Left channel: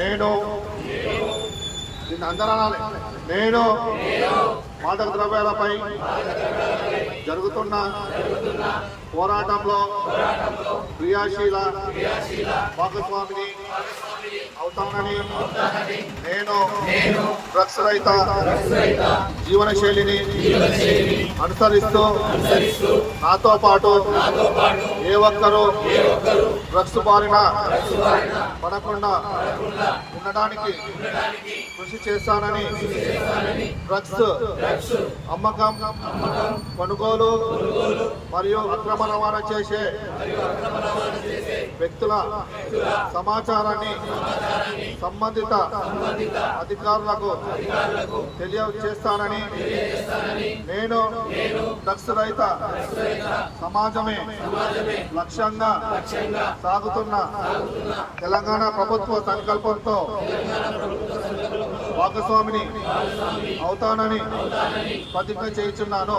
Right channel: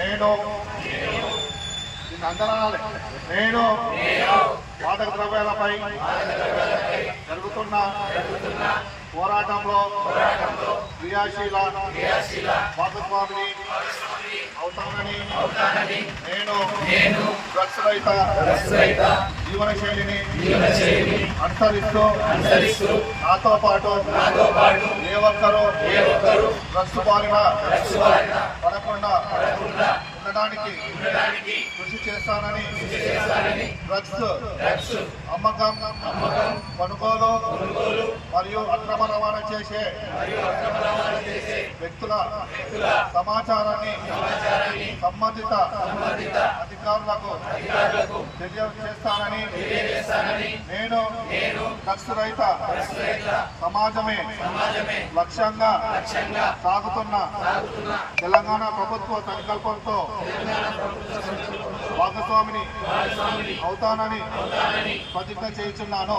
నేను నేను మాదక ద్రవ్యాలపై జరుగుతున్న పోరాటంలో క్రియాశీల భాగస్వామిని అవుతానని నేను డ్రగ్స్ రహిత జీవన శైలిని అనుసరిస్తూ నాతో పాటు ఏ ఒక్కరూ డ్రగ్స్ బారిన పడకుండా ఉండడానికి కృషి చేస్తానని డ్రగ్స్ అమ్మకం కొనుగోలు మరియు అక్రమ రవాణా చేసే వ్యక్తుల సమాచారాన్ని సంబంధిత అధికారులకు తెలియజేస్తానని నేను డ్రగ్స్ రహిత సమాజమే లక్ష్యంగా సాగుతున్న తెలంగాణ ప్రభుత్వ సంకల్పంతో భాగస్వామిని అవుతానని ప్రతిజ్ఞ చేస్తున్నాను.